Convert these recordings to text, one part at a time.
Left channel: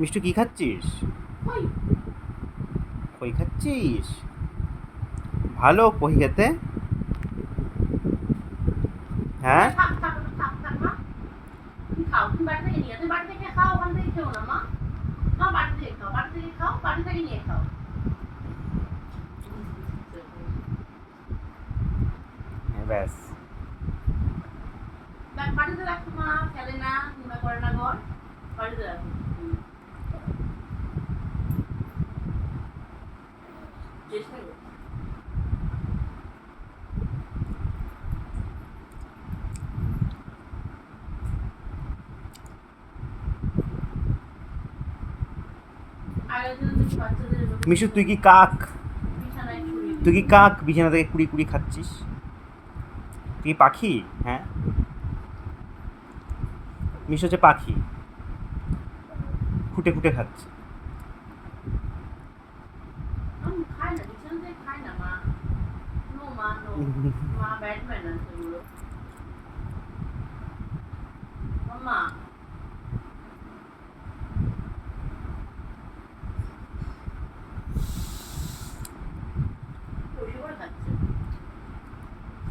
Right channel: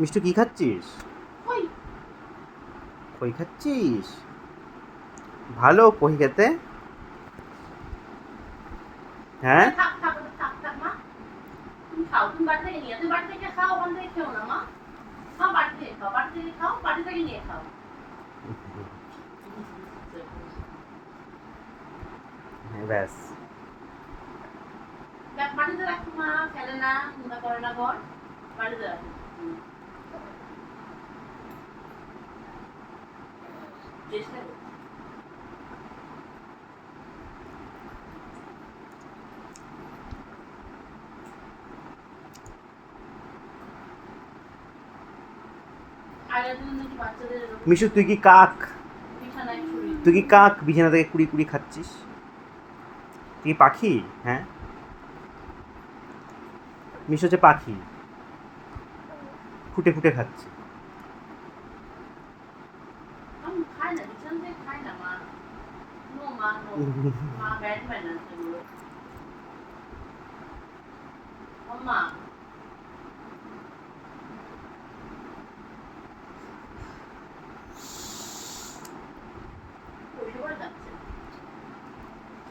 মিষ্টু কি খাচ্ছিস? ওই খই খাচ্ছিস? ভালো খই খেতে। হ্যাঁ, ওই থাক থাক থাক থাক মা। তুমি খাও, তুমি বাড়ি থেকে নিয়ে, তুমি বাড়ি থেকে খাও, ওখান থেকে খেও না মা। মা বাড়ি থেকে খাও, বাড়ি থেকে খাও, বাড়ি থেকে নিয়ে খাও। ব্যাস। দেখ বাড়িতে রাখো মা, খেলে না, নোংরা করে না ঘর, বাড়িতে রাখো। চেষ্টা করো। আগের দিন নাকি বাচ্চাদের এরকম মিষ্টু তুই কি কাক? বিছানায় শুয়ে তুই কি কাক বিছানা থেকে কুড়ি কুড়ি খাচ্ছিস? তুই কি পাখি? হ্যাঁ, মিষ্টু হচ্ছে পাখি, ফুটে ফুটে খাচ্ছে। আমি খাই না, বিছানা থেকে খাই না মা। নো মা, নো। মা ব্যাটম্যান আছে এগুলো। মাম্মা বসে পড়ে খাচ্ছে,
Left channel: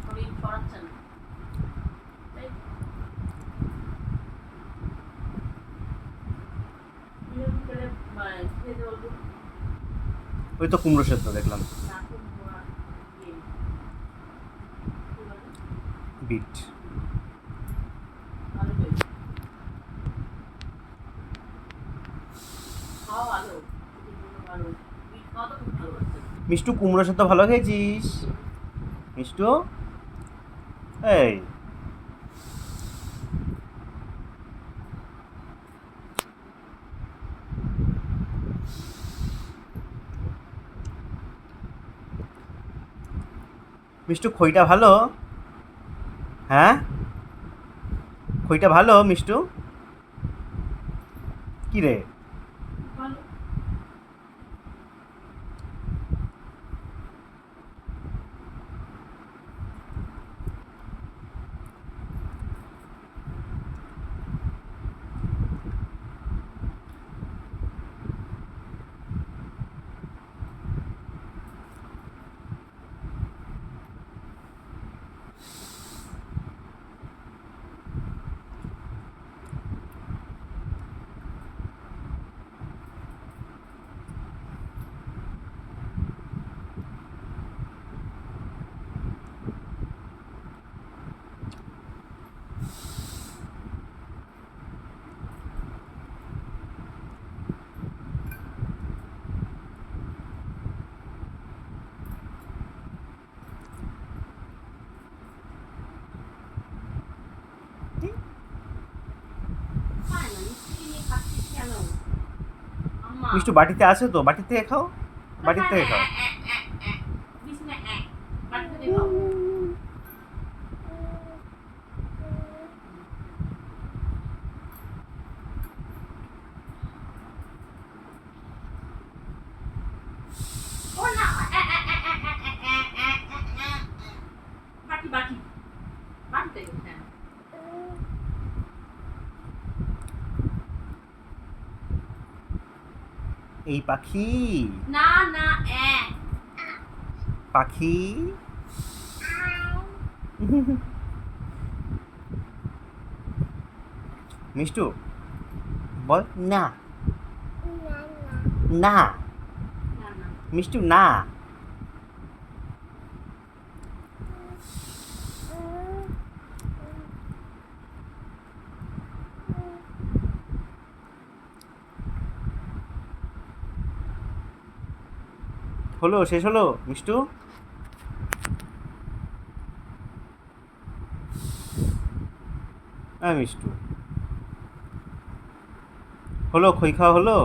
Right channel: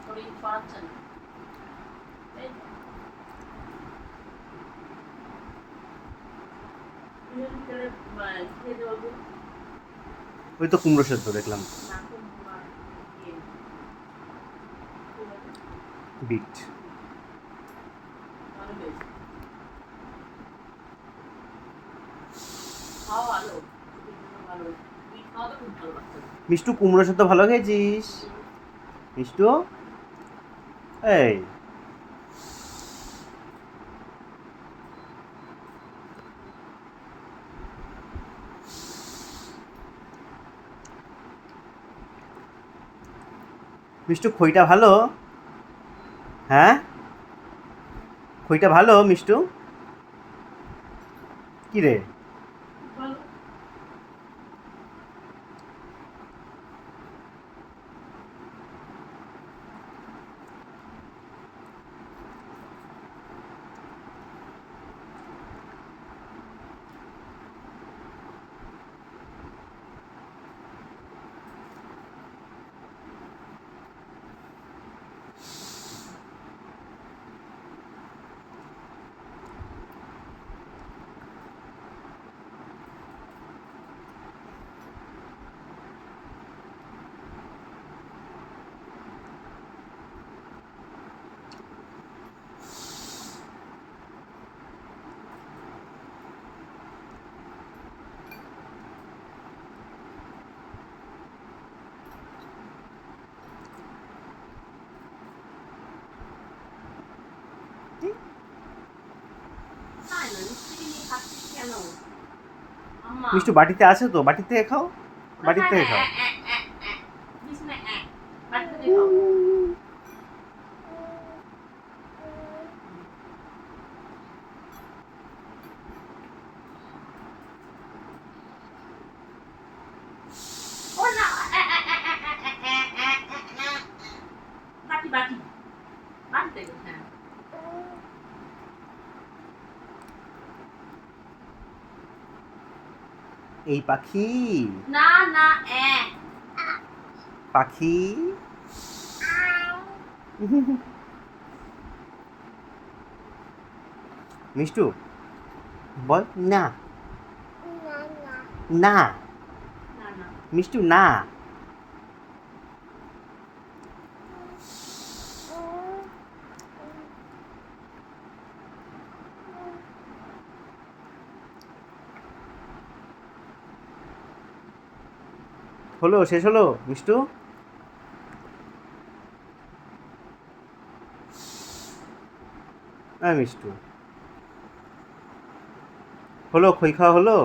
শরীর ছড়াচ্ছে না। এই বিছানা থেকে খেতে বলবো ওই তো কুমড়ো সেদ্ধ দেখলাম। না, খুব ইয়ে কি বলে, বিট। ভালো হয়েছে, খাওয়া ভালো, শরীরের জন্য ভালো। বিট খাওয়া তো খুব ভালো বাচ্চাদের। মিষ্টু কুমড়ো সেদ্ধ ভালো খেয়েছিস? মিষ্টু, এই মিষ্টু খইটা ভালো? হ্যাঁ, খইটা ভালো মিষ্টু? কি রে? ভালো। খাই না, নিশ্চয়ই নিয়ে খাচ্ছিস কেন আম্মা? মিষ্টু বাটিতে আছে তো, বাটির থেকে খাও, বাটির থেকে খাও। বিছানায় বাড়ি থেকে খাও। ও না, বাটি বাটি বাটি থেকে, হ্যাঁ। এই পাখি, না না, পাখি। মিষ্টু বল না, না না না। মিষ্টু না। হলো, শেষ হলো মিষ্টু? হ্যাঁ মিষ্টু, হলো খই খাওয়া হলো?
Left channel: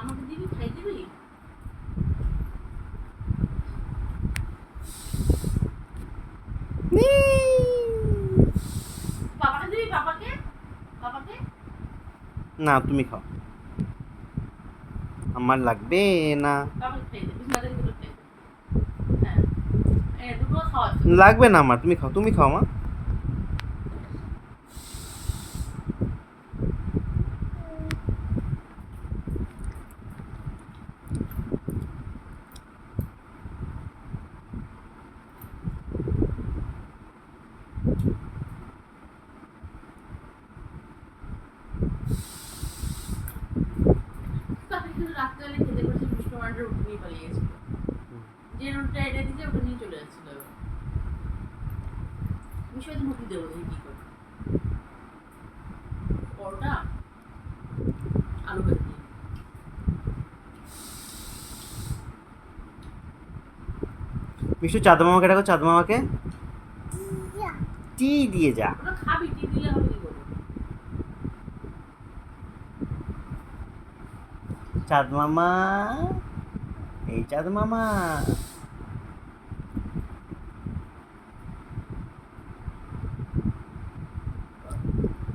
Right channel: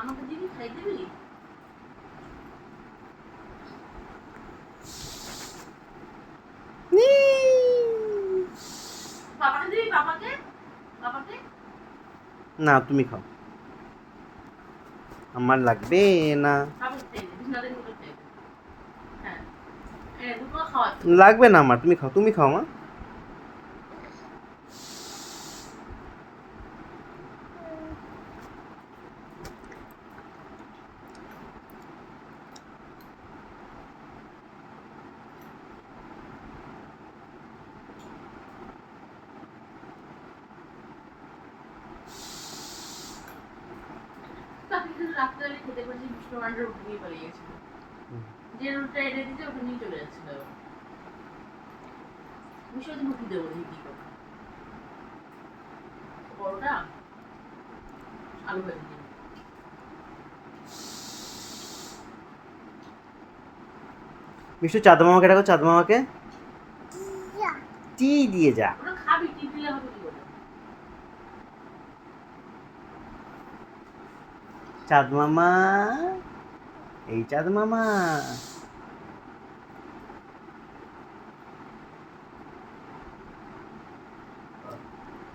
আমাকে দিবি, খাই দিবি? বাবাকে দিবি, বাবাকে, বাবাকে। না তুমি খাও, আমার লাগবে না। বাবাকে খেয়ে দে, বিছানা থেকে তুলে খেয়ে দে। হ্যাঁ, দুটো খাওয়াচ্ছি। লাগবে না আমার, তুমি খাও, তুমি খাও মা। টমেটো রুটি নিয়ে পালিয়ে গেছিল। যে রুটিটা এটা দিতে ওটা নিয়ে চলে যাচ্ছিল। আমি শুধু রুটি দেবো দেখি কি করে। পরোটা আলু ভেজে দিই। মিষ্টু চাঁদ মামাকে ডাকো, চাঁদ মামাকে টি দিয়ে যা। ওটা খাবি, টি দিলে হবে কি করে? চাঁদ মামা, এই চাঁদ মামা।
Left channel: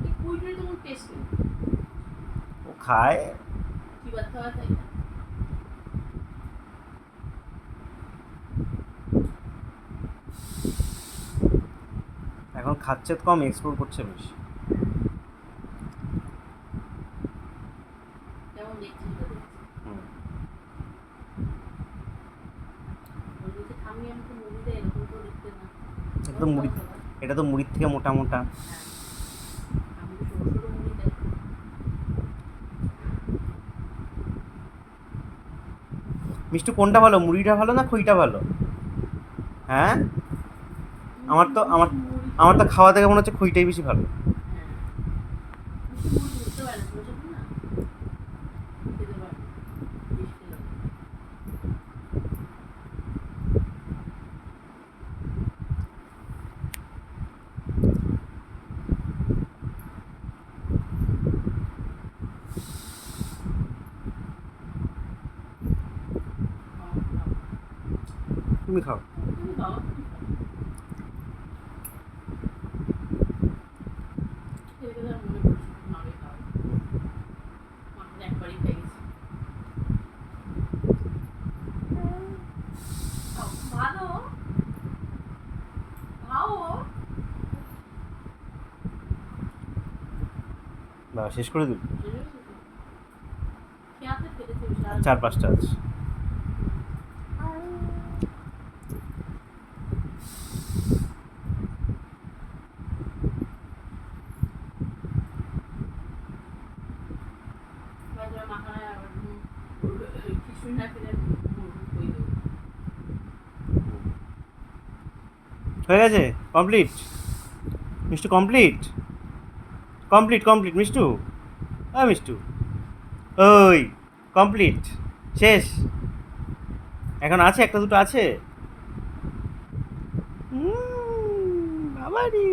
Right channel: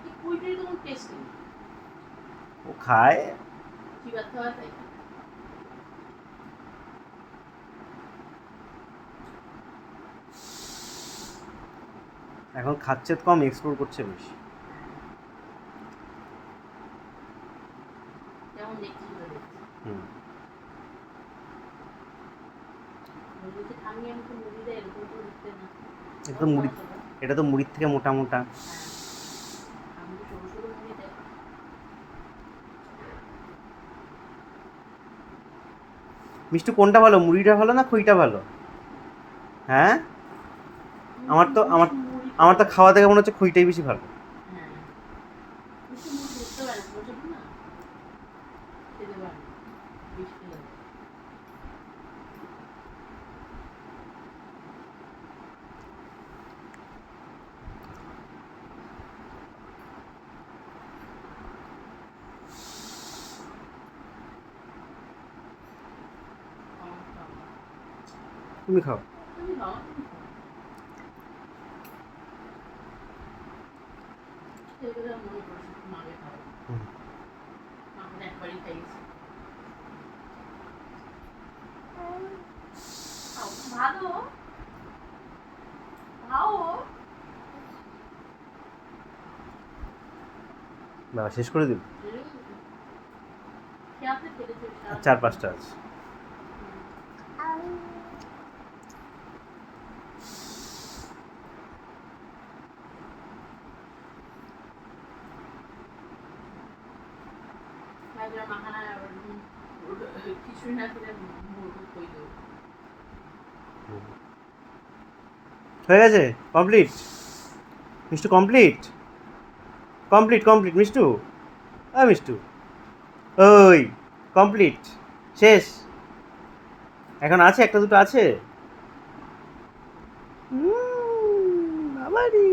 এই কুইটির কোনো টেস্ট নেই। ও খায়। কি ব্যথা হয় তাই না? এখন খাচ্ছে কম, এক্সপ্লোর করছে বেশি। কেমন দেখছিস তো দেখছি। হুম। বলছি থামিয়ে আমি তো মুড়ি দেয় এরকম তো দেখতে না। এটা তো মুড়ি, এটা তো মুড়ির থেকে মোটা মোটা। হ্যাঁ, আমি তো সরু সরু মুড়ি দেয়। মিষ্টু কোনটা ভালো, মুড়িটা ভালো না খইটা ভালো? হ্যাঁ, আমার তো আমার তো খাওয়া থেকে মনে হচ্ছে খইটাই বেশি ভালো। হ্যাঁ, মিষ্টি মুড়ি বুঝতে পারে না, ছোট না খেতে পারে না, বেশ খেতে পারে। তুমি খাও। তুমি খাও, তুমি খাও। খেতে খেতে মনে পড়ছে মাকে খাওয়াই। মাকে তো একবারই খাই গেছি। খাও, ভালো খাও। বাবা শেষ করে দিল, খেয়াতে খেতেছে সারা 4-5টা আছে। ভাইরা মাখানা কিছুই না ফিরে কই দেবো। হয়ে গেছে, complete Mishtu, complete complete complete Mishtu. হ্যাঁ মিষ্টু, ওই কমপ্লিট, শেষ। এখন আছে, একটা দুটো আছে। বাবারি।